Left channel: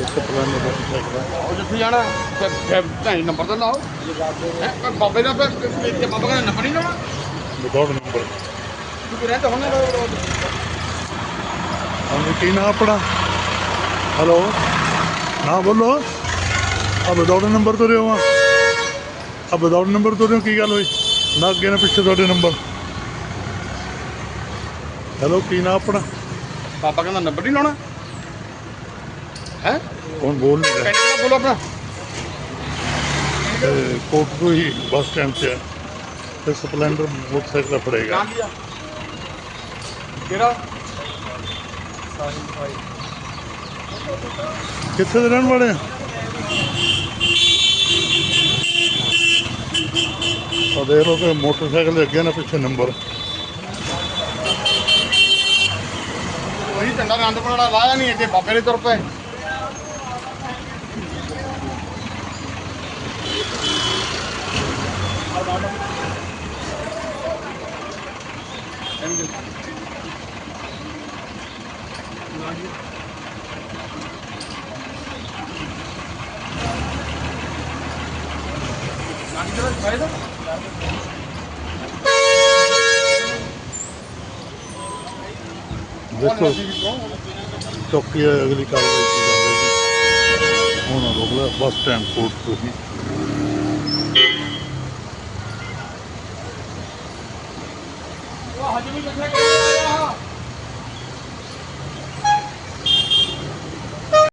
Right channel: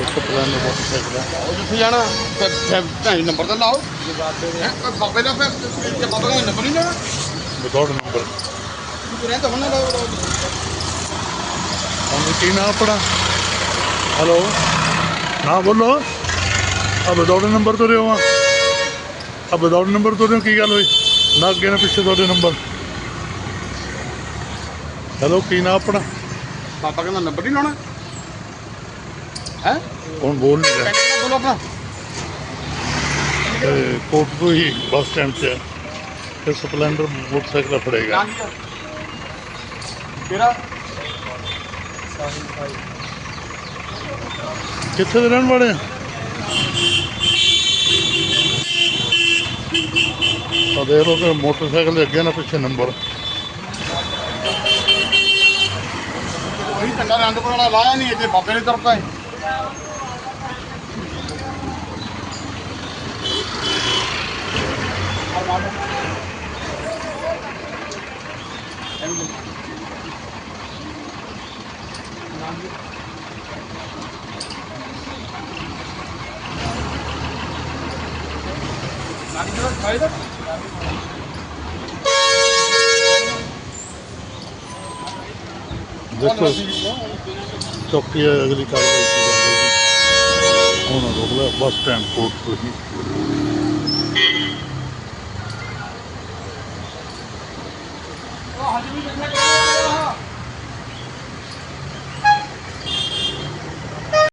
ਇੱਕ ਪਲਾਨ ਦਾ ਆ ਉਹ ਜਿੱਥੇ ਜਾਣਾ ਫਿਰ ਫਿਰ ਢਾਈ ਨੰਬਰ ਤਾਂ ਲਾਓ ਹੈਂ? ਕੋਈ ਬਾਬੇ ਦਾ ਫਿਰ ਤੇ ਬਾਬੇ ਦਾ ਨੰਬਰ ਨਹੀਂ ਲਾਉਣਾ ਵਿਦਆਊਟ ਨੰਬਰ। ਤੂੰ ਰਹਿੰਦਾ ਹੁਣ ਹਾਂਜੀ ਕੀ ਨਾਂ ਆਪਣਾ? ਹੈਲੋ। ਨਾ ਬੋਲੋ। ਆ ਵਿਦਆਊਟ ਨੰਬਰ ਤੋਂ ਰਿਓ ਆ। ਆ ਵਿਦਆਊਟ ਨੰਬਰ ਤੋਂ ਰਿਓ ਕੀ ਗੱਲ ਹੋਈ? ਨਾ ਅੱਗੇ ਨਾ ਪਿੱਛੇ ਤੁਹਾਡੇ ਨੰਬਰ। ਹੈਲੋ ਕੀ ਨਾਂ ਆਪਣਾ? ਬਾਬਾ ਕਹਿੰਦਾ ਨੰਬਰ ਨਹੀਂ ਲਾਉਣਾ। ਹੈ? ਹੁਣ ਬੋਲ ਨਹੀਂ ਰਿਹਾ? ਕੈਂਡੀਡੇਟ ਬੋਲੋ ਆਪਣਾ। ਤੇ ਕੋਟ ਤੋਂ ਹੀ ਬੱਸ ਸਟੈਂਡ 'ਚ ਹੈ ਤੇ ਸਪਲੈਂਡਰ ਮੋਟਰਸਾਈਕਲ ਫੜੇਗਾ। ਕਿਹੜਾ? ਕਿੱਥੇ ਦੇ ਰਹਿਣ ਵਾਲੇ ਆ? ਆ ਦੇਖ ਲਓ ਕਿ ਮੋਟਰਸਾਈਕਲ ਦੇ ਅੱਗੇ ਨਾ ਪਿੱਛੇ ਨੰਬਰ। ਉਹੀ ਝੰਡਾ ਰੰਡ ਕੋਣਾ ਲਾਇਆ ਨਹੀਂ ਇੱਥੇ ਬਾਬੇ ਨੇ ਤੁਰ ਪਏ ਦੇਖੋ ਚੌਕੀ ਅਗਲੀ ਕਾਰਵਾਈ Honorable bus time code for him. Thank you.